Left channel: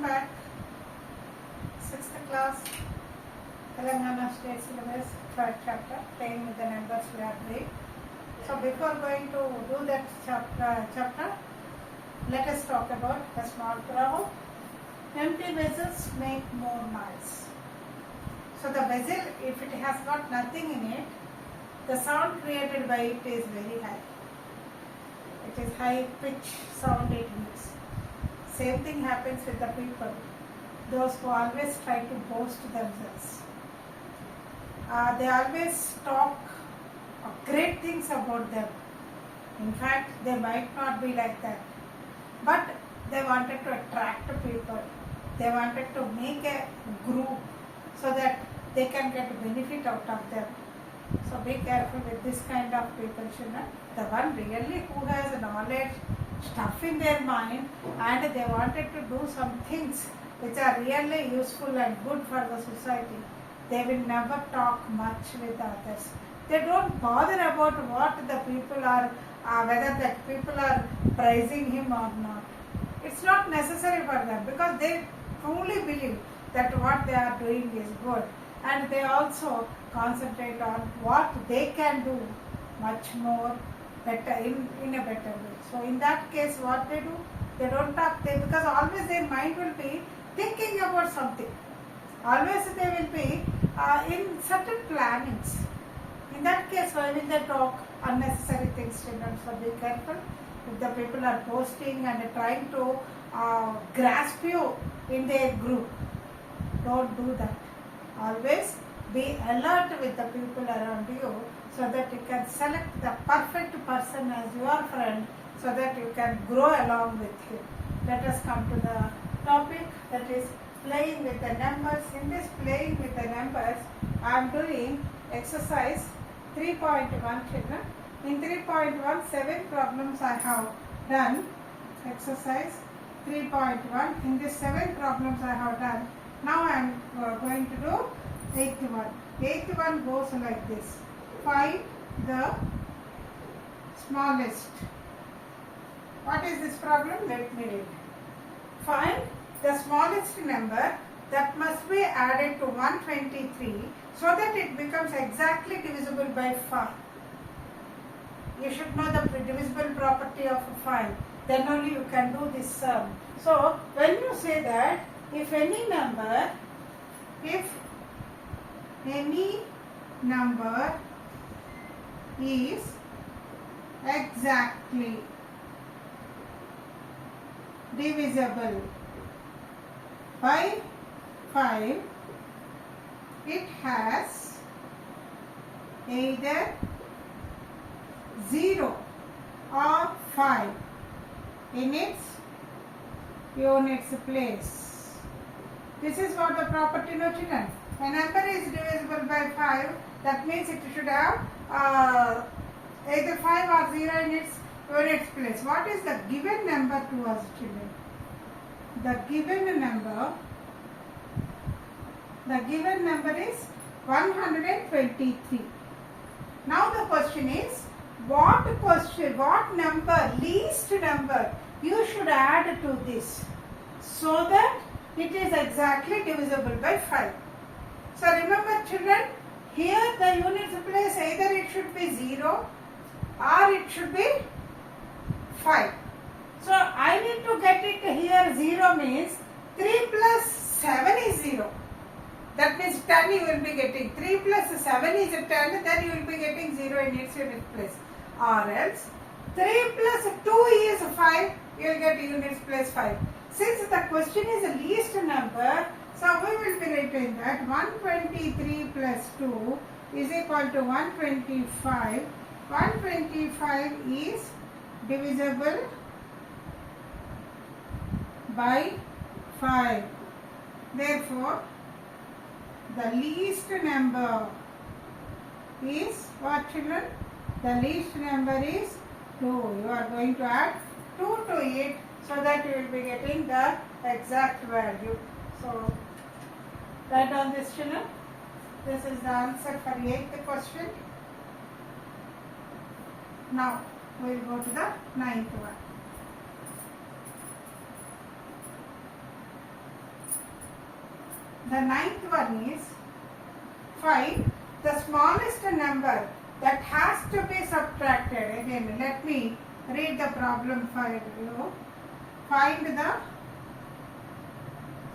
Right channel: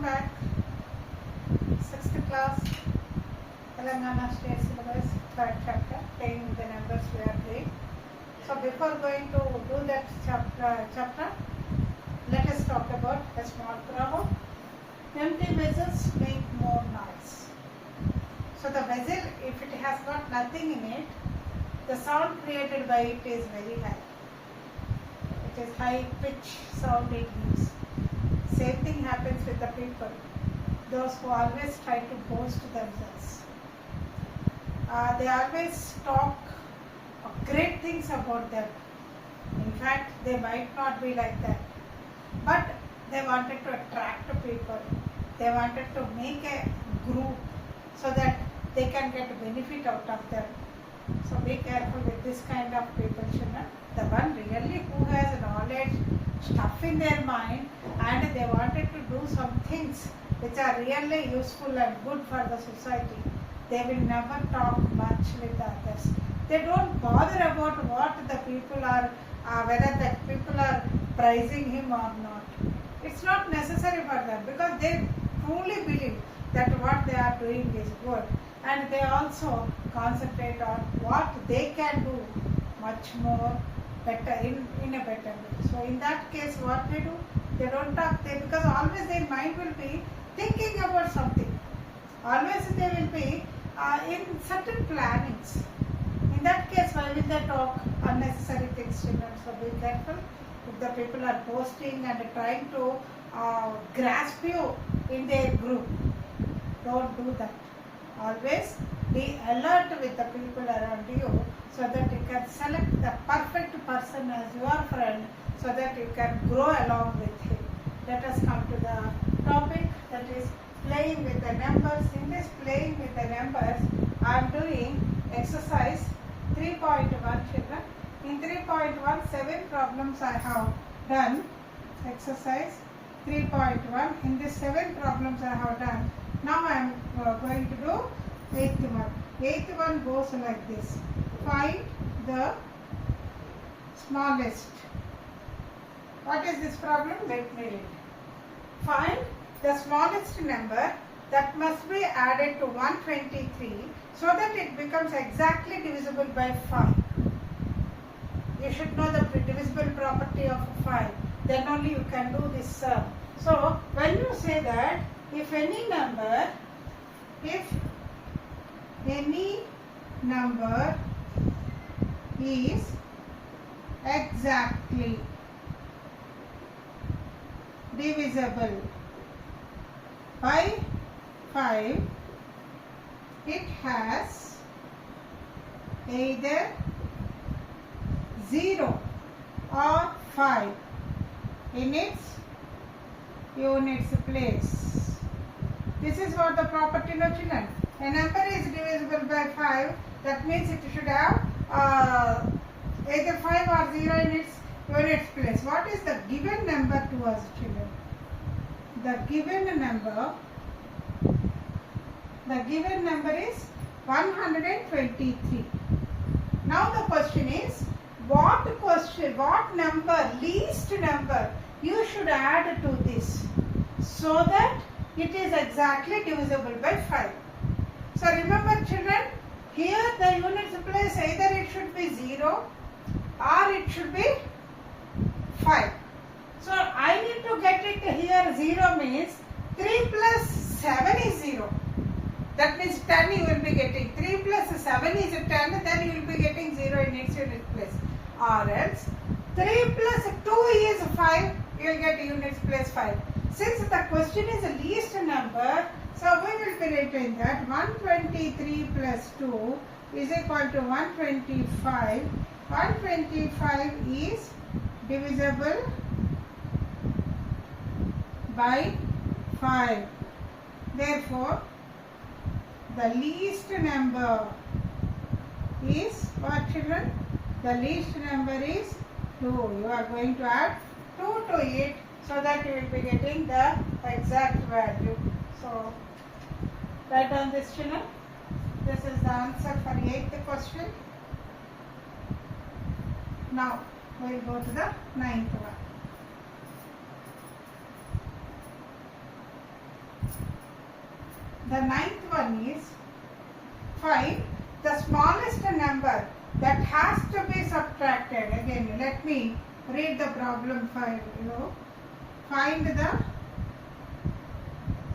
Welcome back. 6th class, Telangana State Syllabus, 3rd chapter, playing with the numbers we are doing. So before going to do that chapter, let us talk about a small problem. Empty vessels make more noise. So the vessel, if it has got nothing in it, the sound created by it is very high. It is high pitch sound it gives. Same thing happens with the people, those who always try to boast themselves. They always talk great things about them. In fact, they might not be like that, but they wanted to attract people. They wanted to make a group so that they can get benefit out of them. So be careful with this kind of people, children. The one really who has knowledge, stuff in their mind, and they wanted to do some things which are really useful and good for the society, they will never talk much with others. They don't bother about what the people are, whether that people are praising him or not. It's not necessary for them because they truly believe that what they are doing is good, and they also concentrate on what they can do much more better in a better way. So in that case, what they do, they don't talk, because always their mind will be thinking about something. Always they will be in certain plannings. In that case, why will they talk unnecessary things, children? So be careful. If the people are boasting and trying to grasp you in their group, don't do that. Always be alert with the people around you so that you can select the perfect person as your friend so that you can grow along with him. Let us come to the topic, that is playing with the numbers. In this playing with the numbers, I am doing exercise 3.1, children. In 3.1, 7 problems I have done. Exercise 3.1. In these 7 problems I have done. Now I am going to do 8th one. 8th one goes like this. Find the smallest. What is this problem? Let me read. Find the smallest number that must be added to 123 so that it becomes exactly divisible by 5. You should know the divisible property of 5. Then only you can do this sum. So when you say that if any number is exactly divisible by 5, it has either 0 or 5 in its units place. This is what the property, no, children. A number is divisible by 5, that means it should have either 5 or 0 in its units place. What is the given number to us, children? The given number is 123. Now the question is, what number, least number you should add to this so that it is exactly divisible by 5. So remember, children, here the units place, either it should be 0 or it should be 5. So I need to get it here. 0 means 3 plus 7 is 0. That means 10 you will be getting. 3 plus 7 is 10, then you will be getting 0 in its unit place. Or else 3 plus 2 is 5, you will get units place 5. Since the question is the least number, so we will be writing that 123 plus 2 is equal to 125. 125 is divisible by 5. Therefore, the least number is what, children? The least number is 2. You are going to add 2 to it so that you will be getting the exact value. So, write down this, children. This is the answer for 8th question. Now, we will go to the 9th one. The ninth one is find the smallest number that has to be subtracted. Again, let me read the problem for you. Find the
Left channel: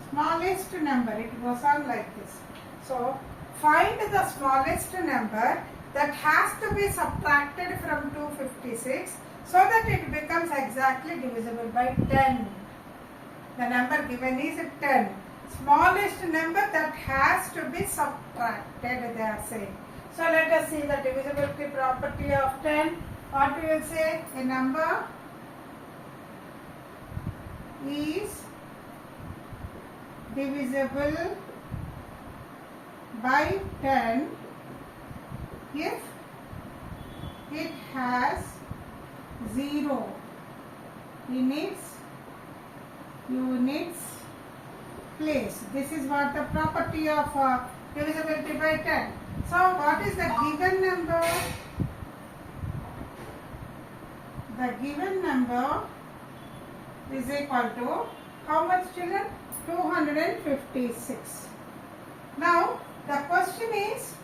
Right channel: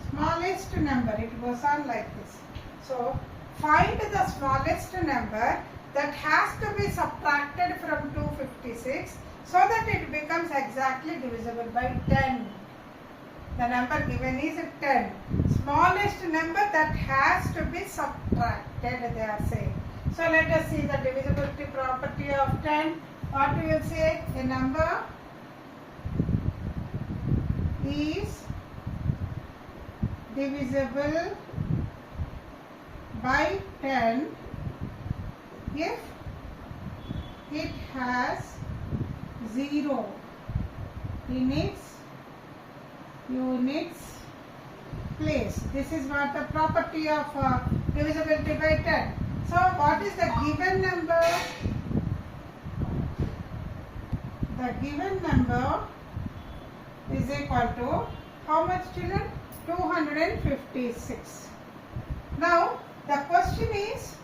smallest number. It goes on like this. So, find the smallest number that has to be subtracted from 256 so that it becomes exactly divisible by 10. The number given is 10. Smallest number that has to be subtracted, they are saying. So let us see the divisibility property of 10. What we will say? A number is divisible by 10 if it has 0 in its units place. This is what the property of divisibility by 10. So what is the given number? The given number is equal to how much, children? 256. Now the question is,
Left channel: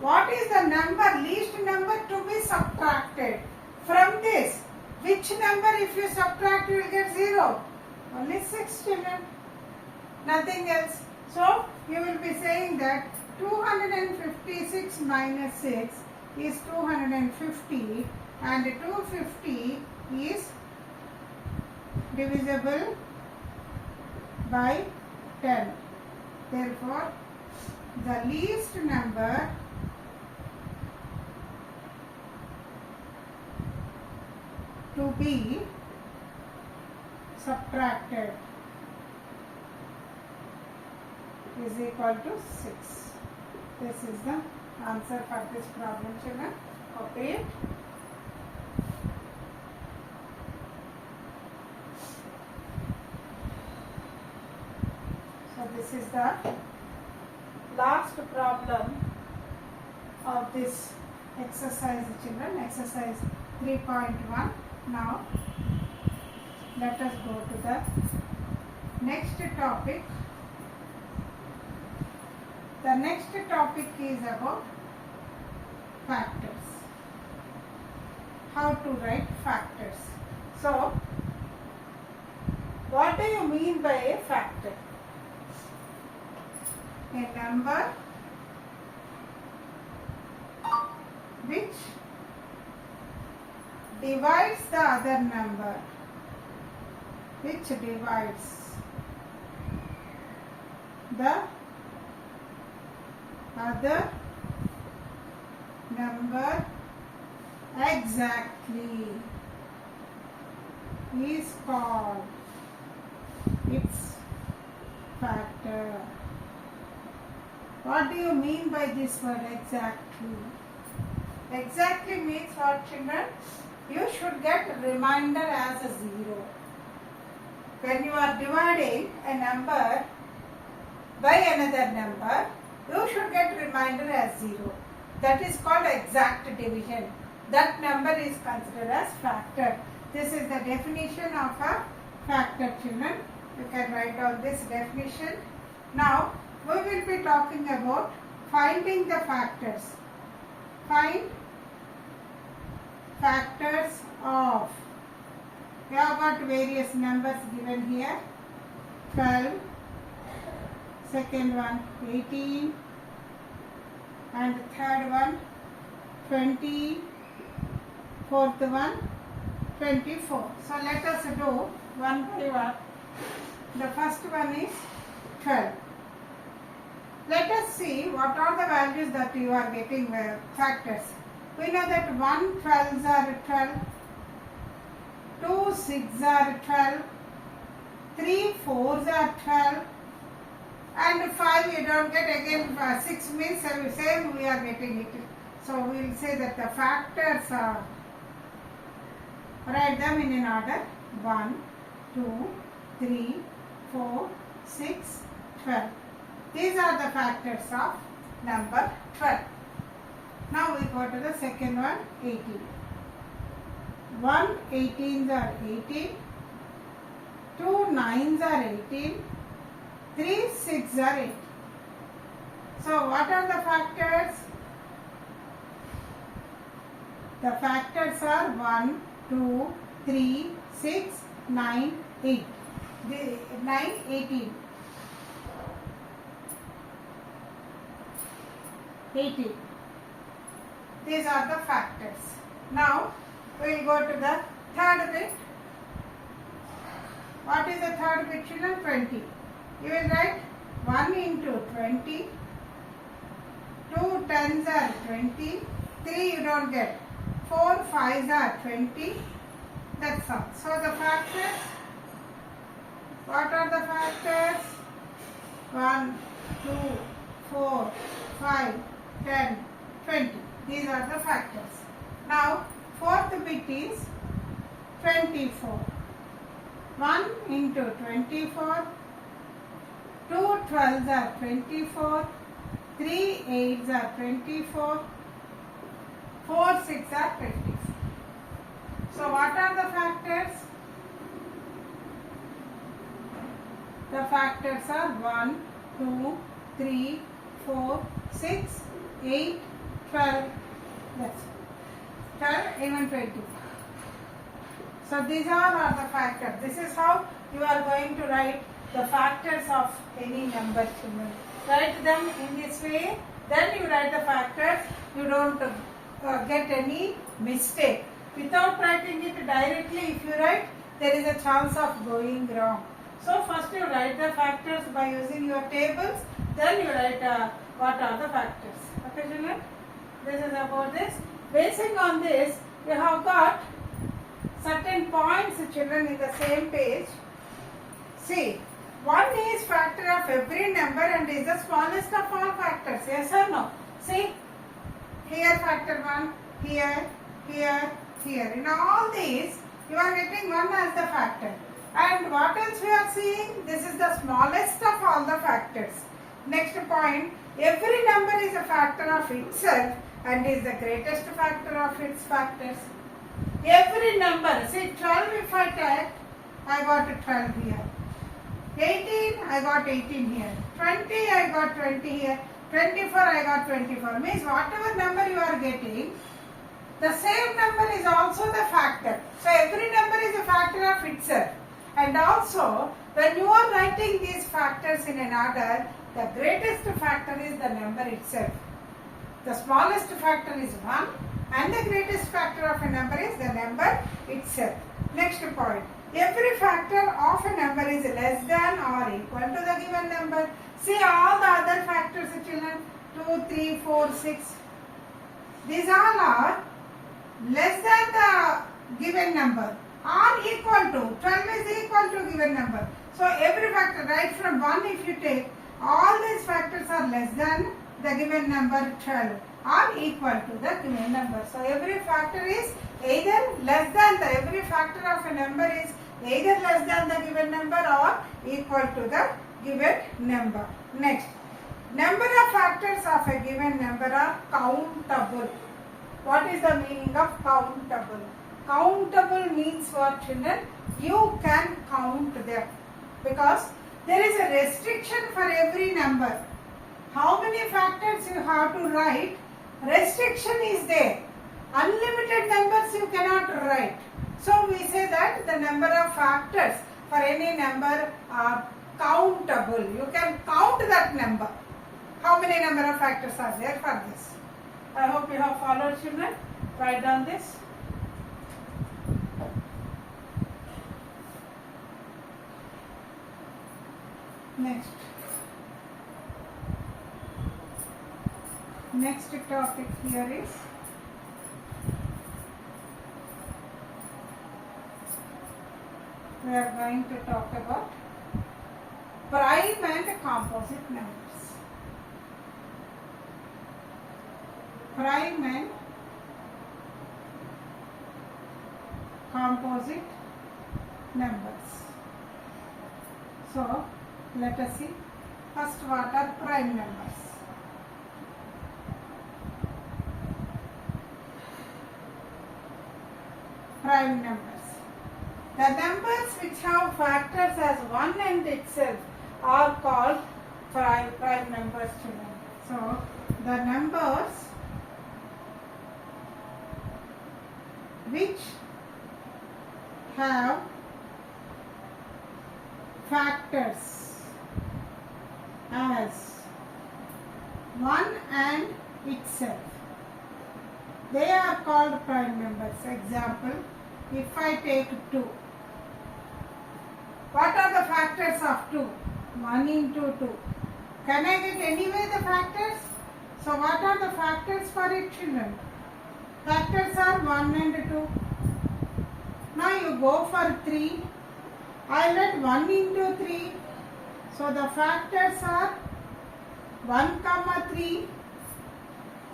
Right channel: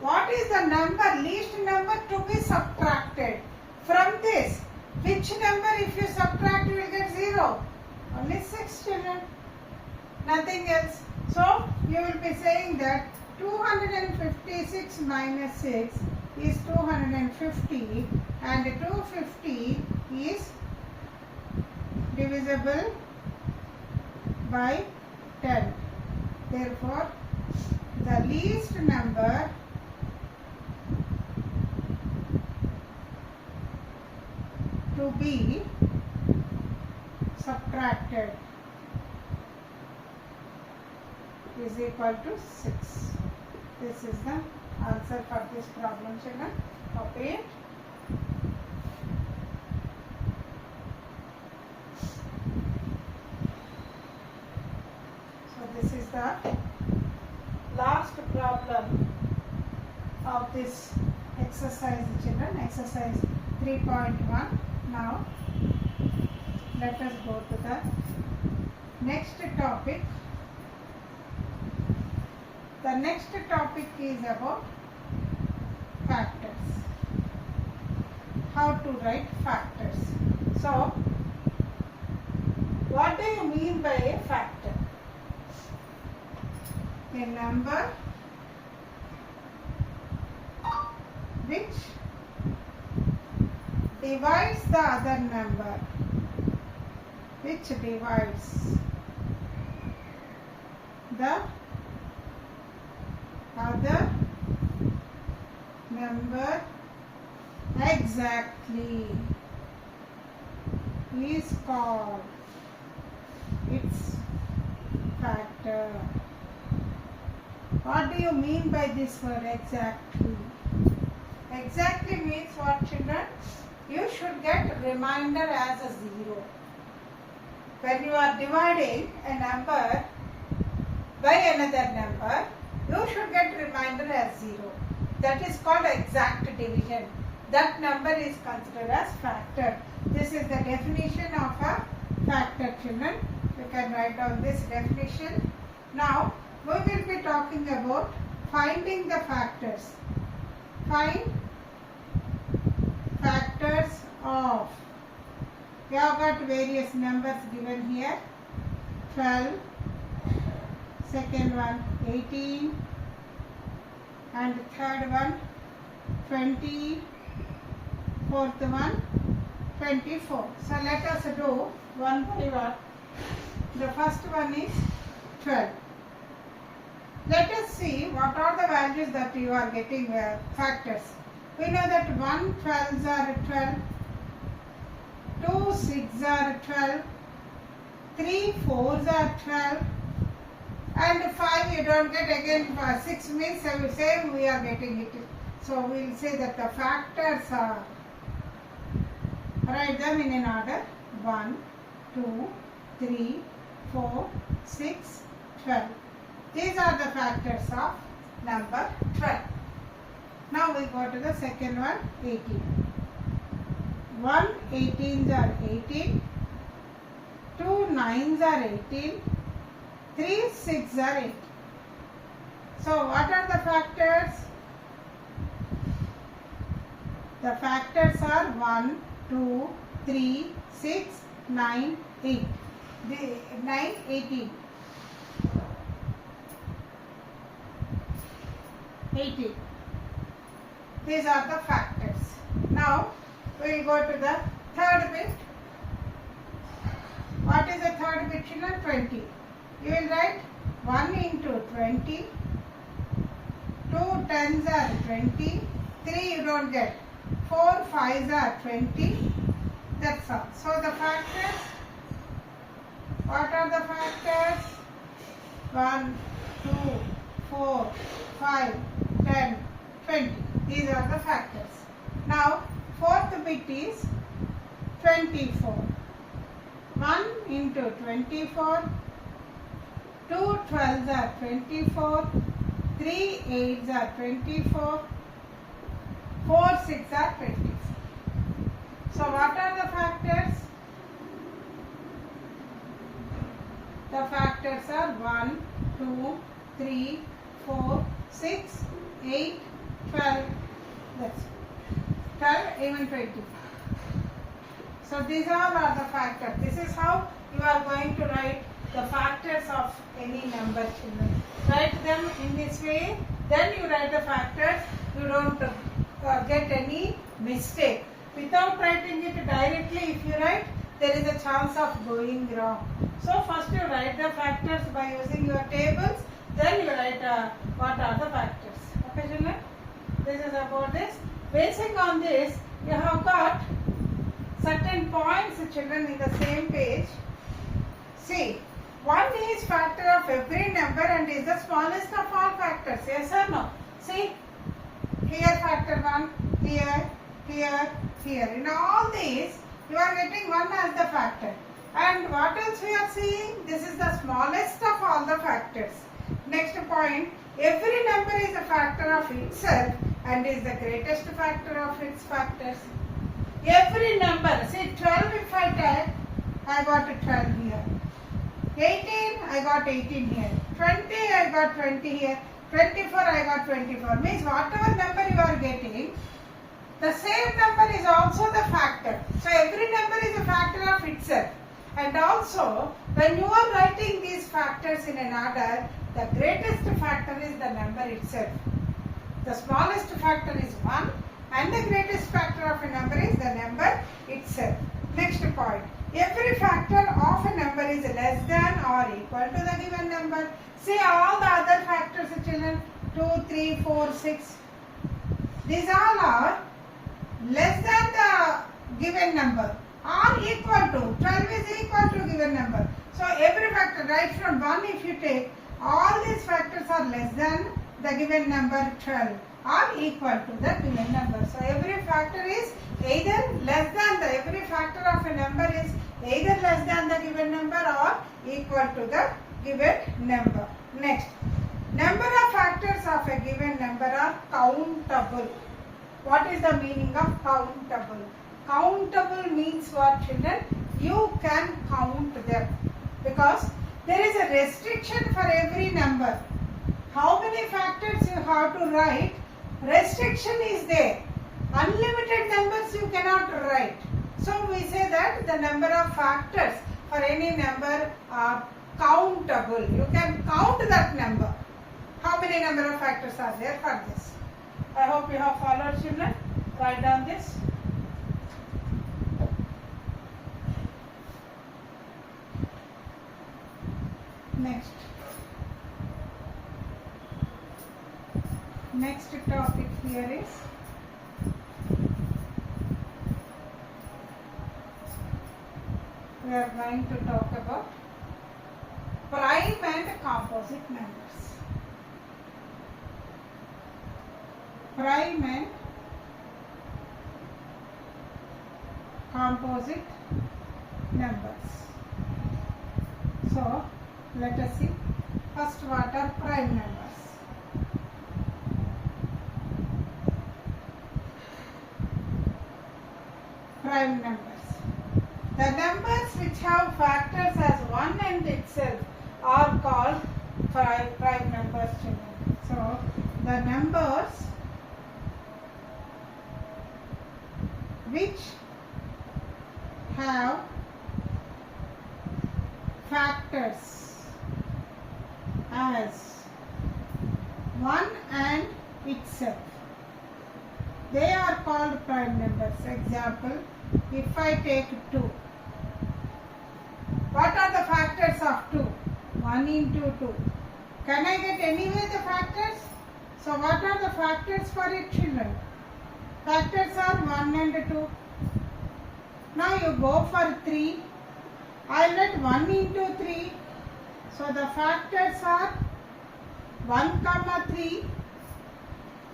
what is the number, least number to be subtracted from this? Which number if you subtract you will get 0? Only 6, children. Nothing else. So you will be saying that 256 minus 6 is 250 and 250 is divisible by 10. Therefore, the least number to be subtracted is equal to 6. This is the answer for this problem, children. Copy it. So this is the last problem of this exercise, children. Exercise 3.1. Now let us go to the next topic. The next topic is about factors. How to write factors. So, what do you mean by a factor? A number which divides the other number, which divides the other number exactly is called its factor. What do you mean by this word exactly? Exactly means what, children? You should get remainder as a 0. When you are dividing a number by another number, you should get remainder as 0. That is called exact division. That number is considered as factor. This is the definition of a factor, children. You can write down this definition. Now, we will be talking about finding the factors. Find factors of. We have got various numbers given here. 12. Second one 18 and third one 20, fourth one 24. So let us do one by one. The first one is 12. Let us see what are the values that you are getting factors. We know that 1 12s are 12, 2 6s are 12, 3 4s are 12, and 5 you don't get. Again 6 means same we are getting it. So we will say that the factors are, write them in an order: 1 2 3 4 6 12. These are the factors of number 12. Now we go to the second one, 18. 1 18s are 18, 2 9s are 18, 3, 6 are 8. So what are the factors? The factors are 1, 2, 3, 6, 9, 8. 9, 18. 18. These are the factors. Now we will go to the third bit. What is the third bit, children? 20. You will write 1 into 20. 2 tens are 20. 3 you don't get. 4 fives are 20. That's all. So the factors. What are the factors? 1, 2, 4, 5, 10, 20. These are the factors. Now, fourth bit is 24. 1 into 24. 2 12s are 24. 3 8s are 24. 4 6 are 24. So, what are the factors? The factors are 1, 2, 3, 4, 6, 8, 12. That's 12, even 20. So these all are the factors. This is how you are going to write the factors of any number, children. Write them in this way. Then you write the factors. You don't get any mistake. Without writing it directly, if you write, there is a chance of going wrong. So first you write the factors by using your tables. Then you write what are the factors. Okay, children? This is about this. Basing on this, you have got certain points, children, in the same page. See, 1 is factor of every number and is the smallest of all factors. Yes or no? See, here factor 1, here, here, here. In all these, you are getting 1 as the factor. And what else we are seeing? This is the smallest of all the factors. Next point, every number is a factor of itself and is the greatest factor of its factors. Every number, see 12 if I take, I got 12 here. 18, I got 18 here. 20, I got 20 here. 24, I got 24. Means whatever number you are getting, the same number is also the factor. So every number is a factor of itself. And also, when you are writing these factors in an order, the greatest factor is the number itself. The smallest factor is 1 and the greatest factor of a number is the number itself. Next point. Every factor of a number is less than or equal to the given number. See all the other factors, children, 2, 3, 4, 6. These all are less than the given number or equal to. 12 is equal to given number. So every factor, right from 1 if you take, all these factors are less than the given number 12 or equal to the given number. So every factor is either less than every factor of a number is either less than the given number or equal to the given number. Next, number of factors of a given number are countable. What is the meaning of countable? Countable means what, children? You can count them because there is a restriction for every number. How many factors you have to write? Restriction is there. Unlimited numbers you cannot write. So we say that the number of factors for any number are countable. You can count that number. How many number of factors are there for this? I hope you have followed, children. Write down this. Next topic here is we are going to talk about prime and composite numbers. Prime and composite numbers. So let us see first what are prime numbers. Prime numbers. The numbers which have factors as 1 and itself are called prime numbers, children. So the numbers which have factors as 1 and itself, they are called prime numbers. Example, if I take 2, what are the factors of 2? 1 into 2. Can I get anyway the factors? So what are the factors for it, children? Factors are 1 and 2. Now you go for 3. I let 1 into 3. So the factors are 1, 3.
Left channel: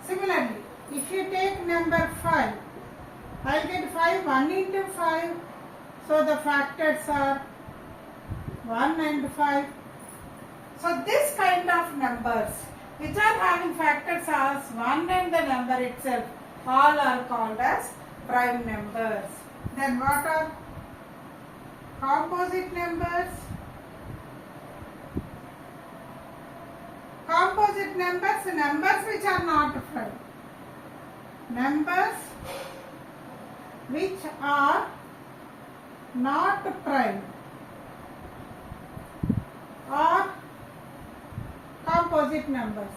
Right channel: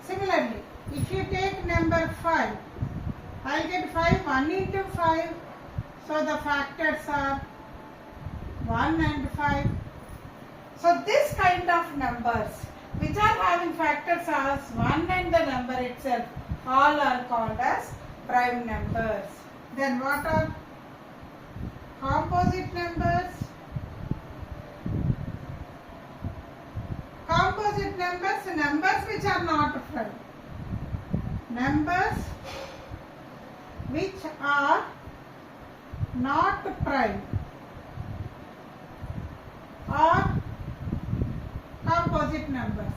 Similarly, if you take number 5, I will get 5, 1 into 5. So the factors are 1 and 5. So this kind of numbers which are having factors as 1 and the number itself, all are called as prime numbers. Then what are composite numbers? Composite numbers, numbers which are not prime. Numbers which are not prime are composite numbers.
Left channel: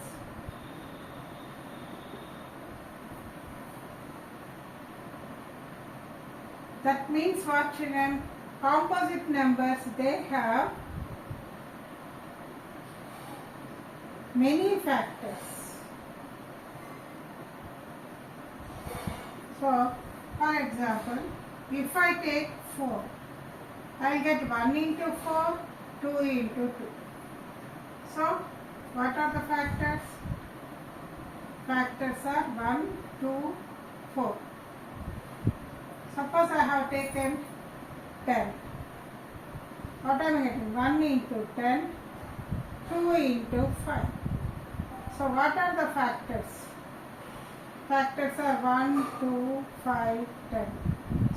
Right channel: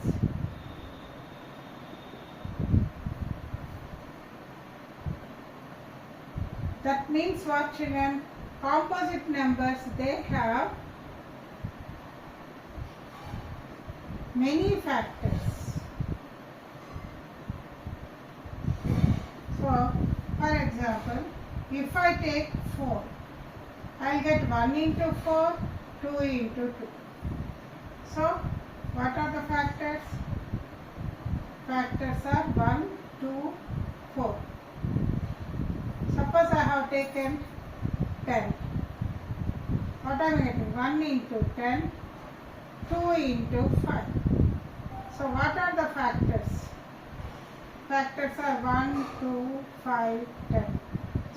That means what, children? Composite numbers, they have many factors. So, for example, if I take 4, I will get 1 into 4, 2 into 2. So, what are the factors? Factors are 1, 2, 4. Suppose I have taken 10. What am I getting? 1 into 10, 2 into 5. So what are the factors? Factors are 1, 2, 5, 10.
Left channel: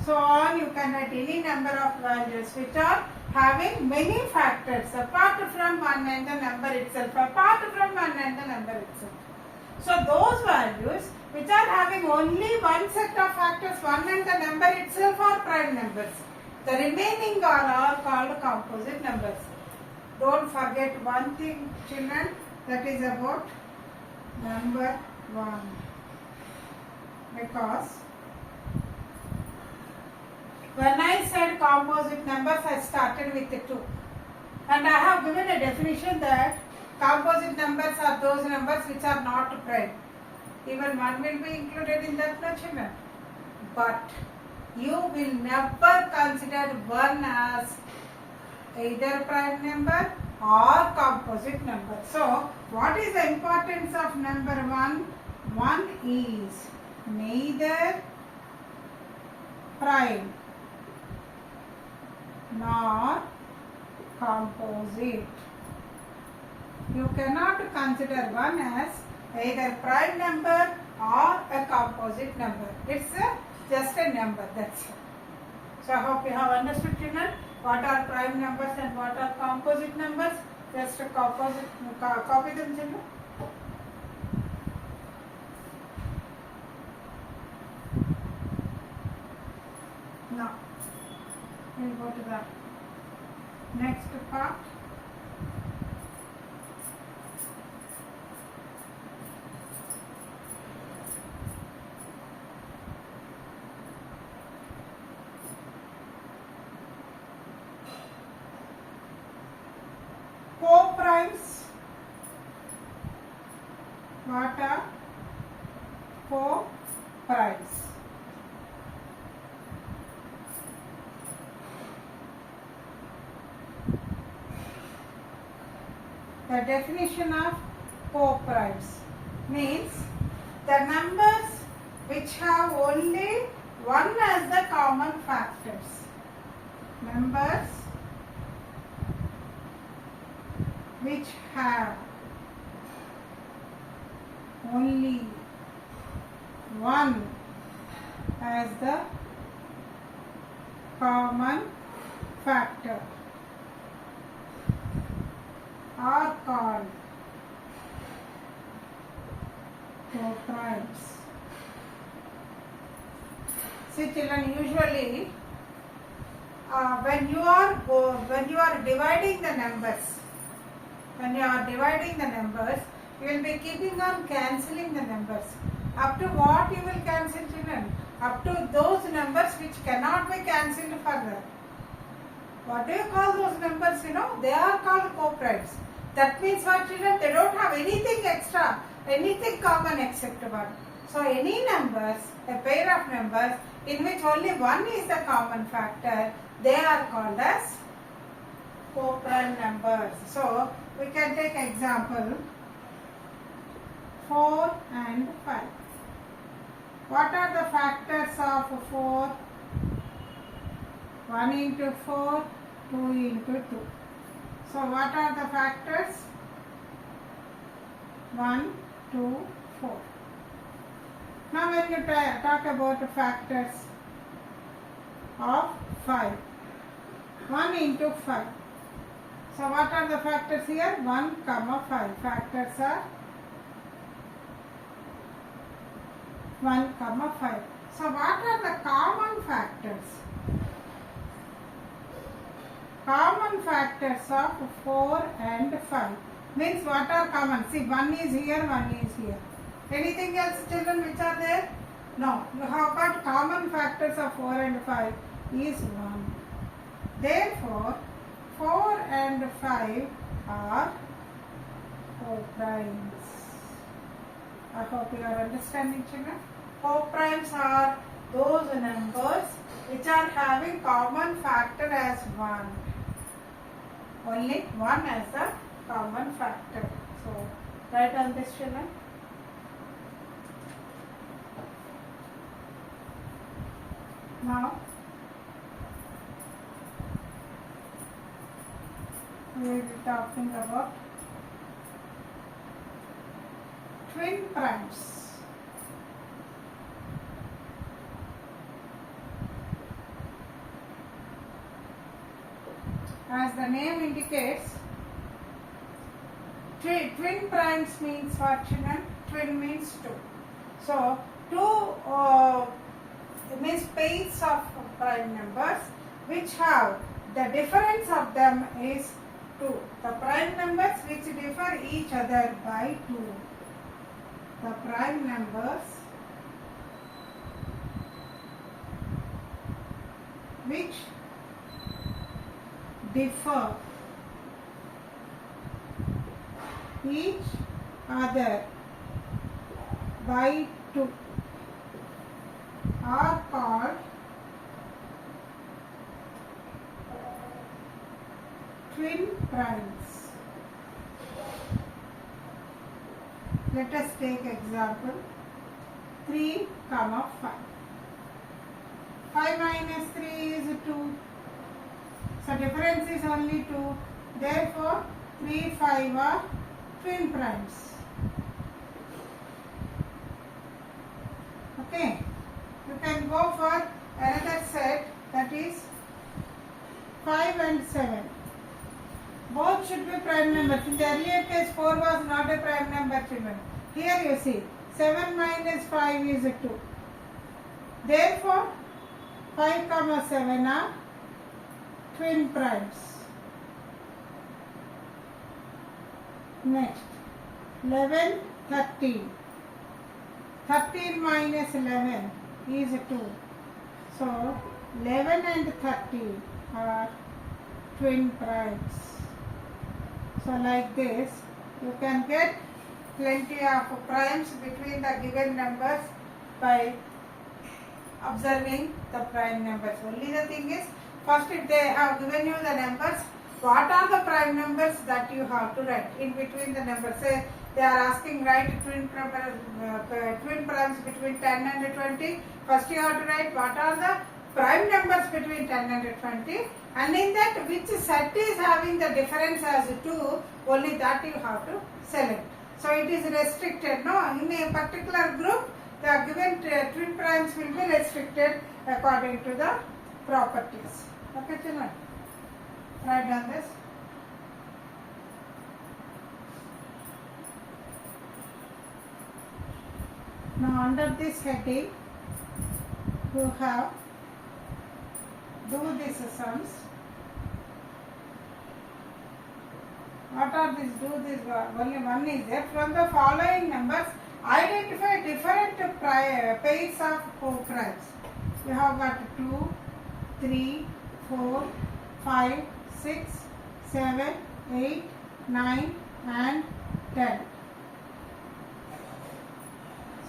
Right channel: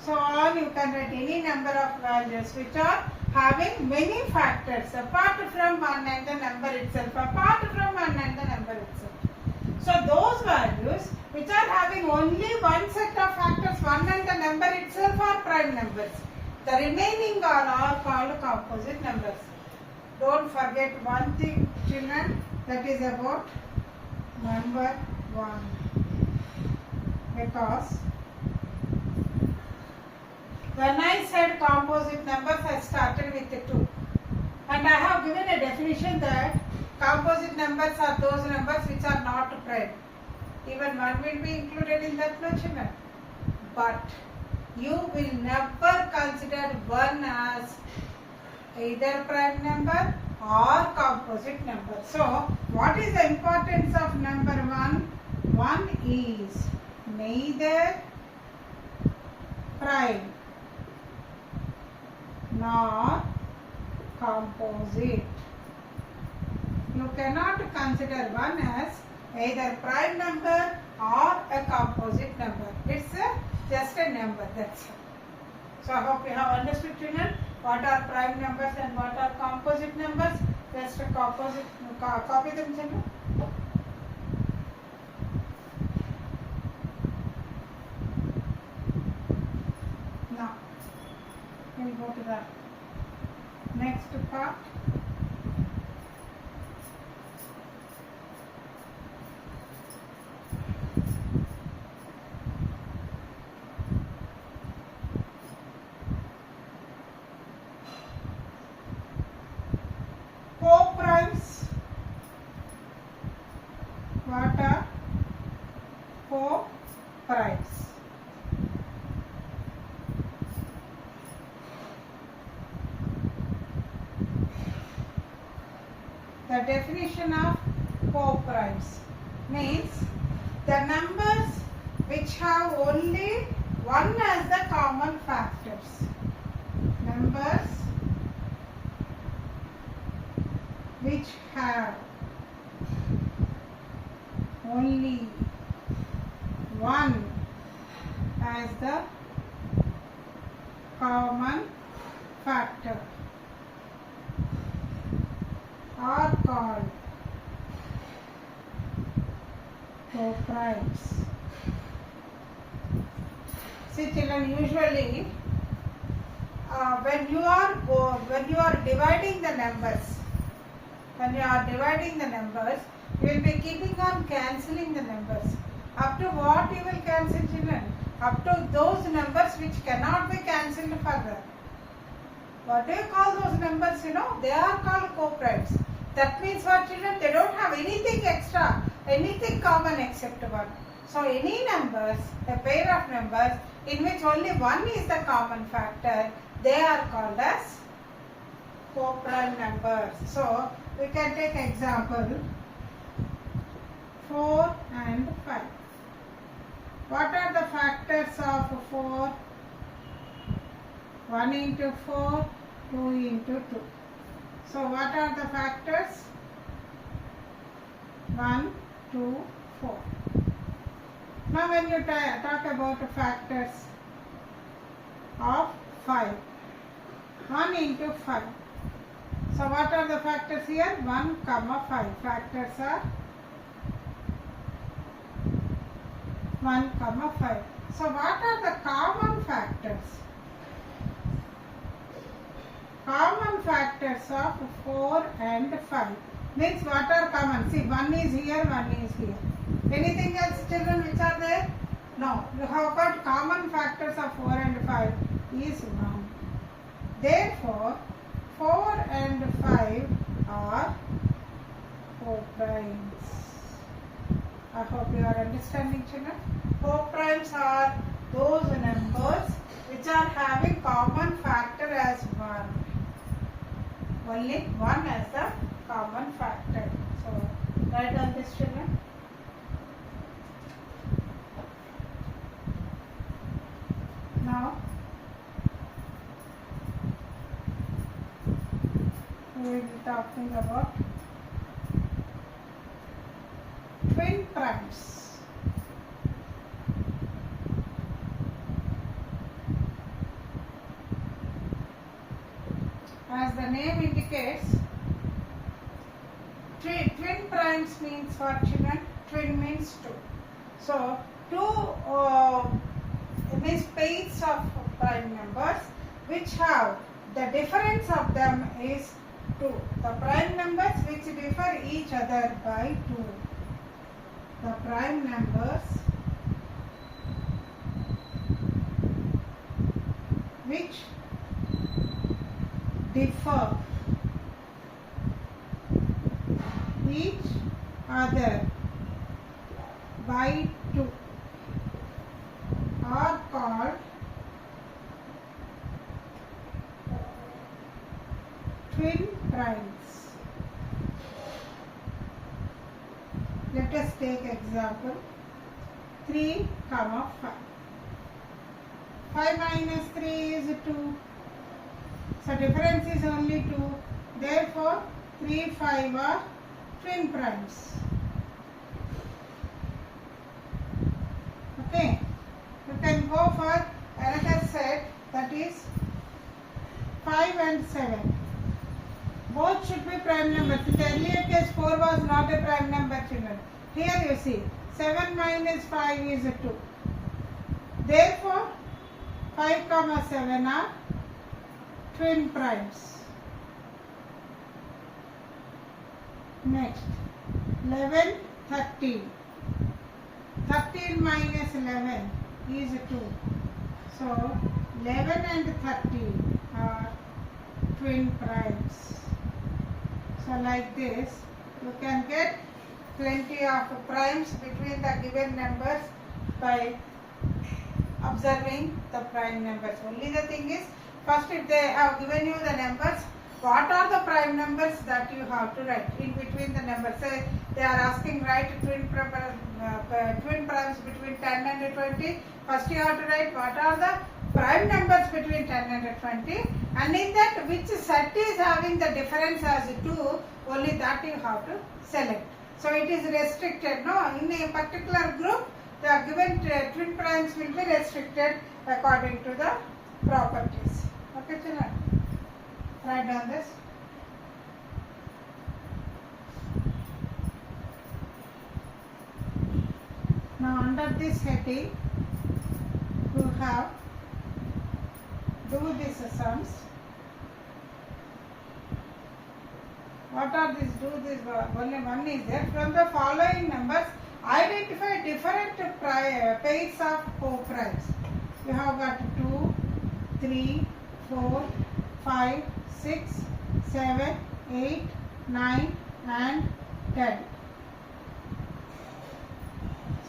So on you can write any number of values which are having many factors apart from 1 and the number itself, apart from 1 and the number itself. So those values which are having only one set of factors, 1 and the number itself, are prime numbers. The remaining are all called composite numbers. Don't forget one thing, children, that is about number 1. Because when I said composite numbers, I started with the 2. And I have given a definition that composite numbers are those numbers which are not prime. Even 1 will be included in that, no, children. But you will never consider 1 as either prime number or composite number. So, what is the importance of number 1? 1 is neither prime nor composite. You cannot consider 1 as either prime number or a composite number. It's just a number, that's it. So I hope you have understood, children, what are prime numbers and what are composite numbers. Just copy them, children. Now, we'll go to the next part. Co-primes. What are co-primes? The definition of co-primes means the numbers which have only 1 as the common factors. Numbers which have only 1 as the common factor. are called co-primes. See children, usually when you are dividing the numbers, you will be keeping on cancelling the numbers. Up to what you will cancel children? Up to those numbers which cannot be cancelled further. What do you call those numbers? They are called co-primes. That means what children? They don't have anything extra, anything common except one. So any numbers, a pair of numbers in which only one is the common factor, they are called as co-prime numbers. So we can take example 4 and 5. What are the factors of 4? 1 into 4, 2 into 2. So what are the factors? 1, 2, 4. Now when you talk about the factors of 5, 1 into 5. So what are the factors here? 1, 5. Factors are 1, 5. So what are the common factors? Common factors of 4 and 5. Means what are common? See, 1 is here, 1 is here. Anything else children which are there? No. You have got common factors of 4 and 5 is 1. Therefore, 4 and 5 are co-primes. I hope you are understanding children. Co-primes are those numbers which are having common factor as 1. Only 1 as the common factor. So, write on this children. Now, we will be talking about twin primes. As the name indicates, twin primes means what children? Twin means 2. So, 2 means pairs of prime numbers which have the difference of them is 2. The prime numbers which differ each other by 2. The prime numbers which differ each other by 2 are called twin primes. Let us take example 3, 5. 5 minus 3 is 2. So difference is only 2. Therefore, 3, 5 are twin primes. Okay. You can go for another set, that is 5 and 7. Both should be prime numbers. In the earlier case, 4 was not a prime number children. Here you see, 7 minus 5 is 2. Therefore, 5, 7 are twin primes. Next, 11, 13. 13 minus 11 is 2. So, 11 and 13 are twin primes. So, like this, you can get plenty of primes between the given numbers by observing the prime numbers. Only the thing is, first if they have given you the numbers, what are the prime numbers that you have to write in between the numbers? Say they are asking write twin primes between 10 and 20. First you have to write what are the prime numbers between 10 and 20, and in that which set is having the difference as 2, only that you have to select. So it is restricted, no? In a particular group, the given twin primes will be restricted according to the properties. Okay children? Write down this. under this heading you have do these sums. What are these? Do this, only one is there. From the following numbers, identify different pairs of co-primes. You have got 2, 3, 4, 5, 6, 7, 8, 9 and 10.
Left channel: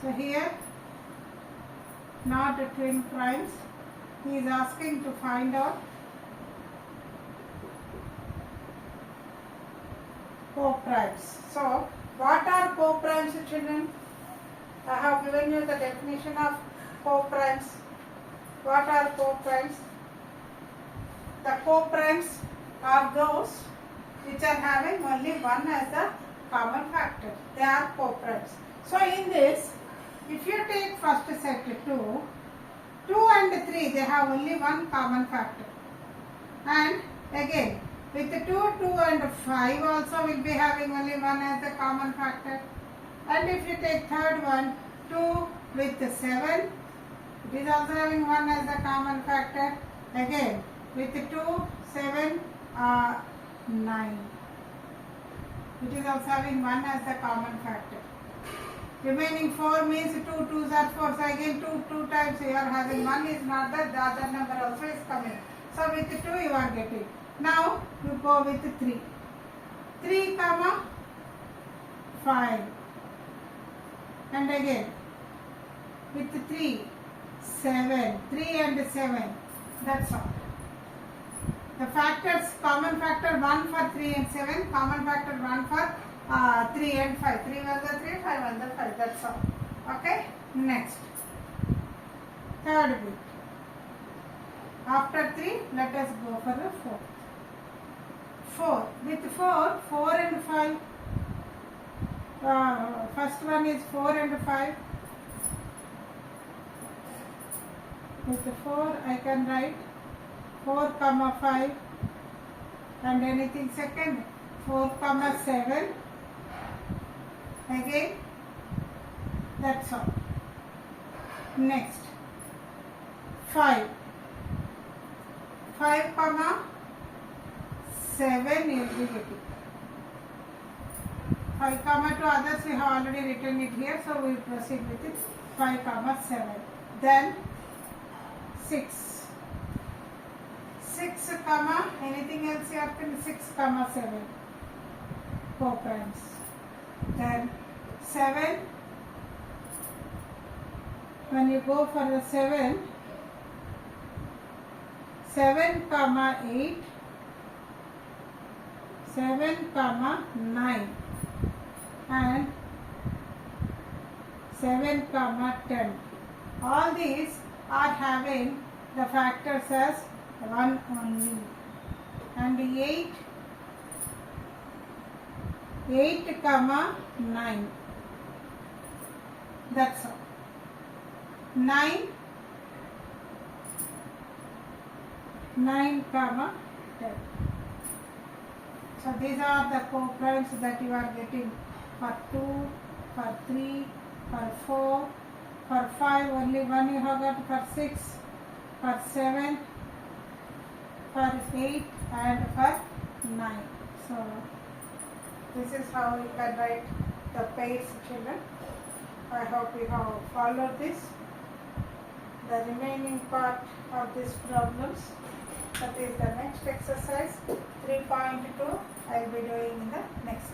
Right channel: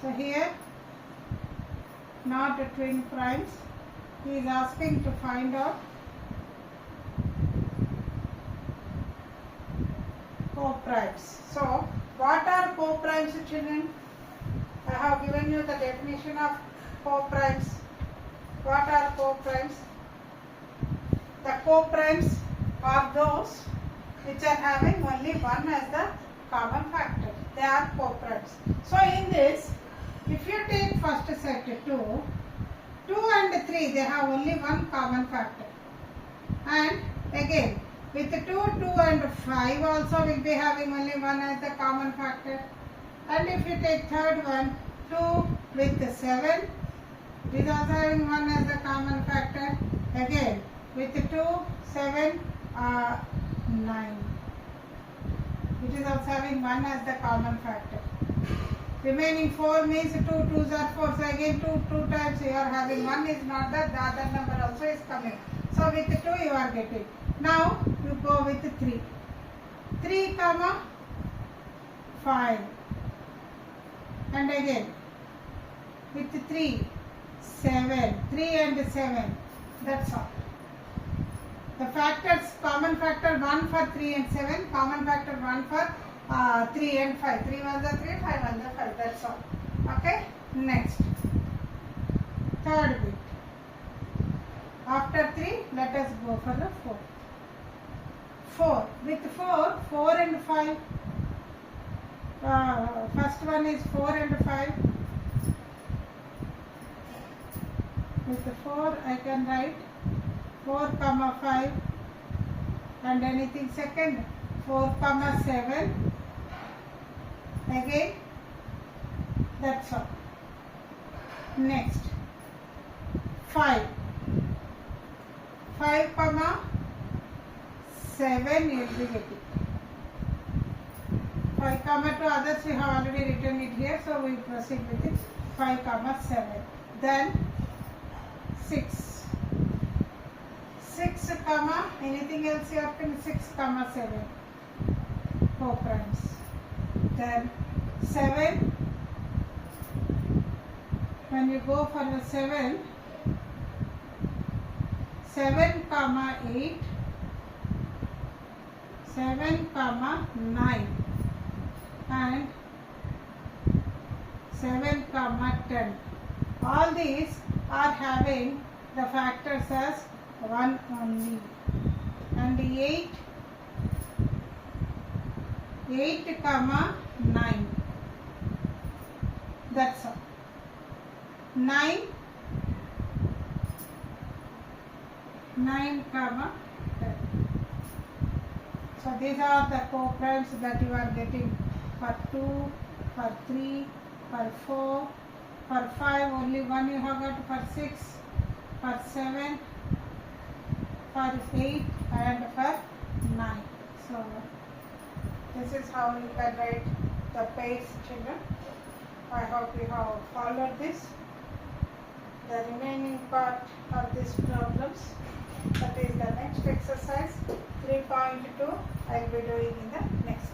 So here, not twin primes. He is asking to find out co-primes. So, what are co-primes, children? I have given you the definition of co-primes. What are co-primes? The co-primes are those which are having only one as the common factor. They are co-primes. So, in this, if you take first set 2 and 3, they have only one common factor. And again, with 2, 2 and 5 also will be having only one as the common factor. And if you take third one, 2 with 7, it is also having one as the common factor. Again, with 2, 7, 9. It is also having one as the common factor. Remaining 4 means 2 2s are 4. So again 2 times you are having. One is not that, the other number also is coming. So with 2 you are getting. Now you go with 3. 3 comma 5. And again with 3, 7. 3 and 7. That's all. The factors, common factor 1 for 3 and 7, common factor 1 for 3 and 5. 3 1 the 3, 5 1 the 5. That's all. Okay. Next. Third bit. After 3, let us go for the 4. 4. With 4, 4 and 5. First one is 4 and 5. With 4, I can write 4 comma 5 and anything second 4 comma 7. Again, that's all. Next, 5. 5 comma 7 is the getting. 5 comma 2 others we have already written it here, so we will proceed with it. 5 comma 7. Then 6. 6 comma anything else you have to 6 comma 7 co-primes. Then 7, when you go for the 7, 7 comma 8, 7 comma 9 and 7 comma 10. All these are having the factors as 1 only. And 8 comma 9. That's all. 9 comma 10. So these are the co-primes that you are getting for 2, for 3, for 4, for 5 only one you have got, for 6, for 7, for 8 and for 9. So this is how you can write the pairs, children. I hope you have followed this. The remaining part of these problems, that is the next exercise 3.2, I will be doing in the next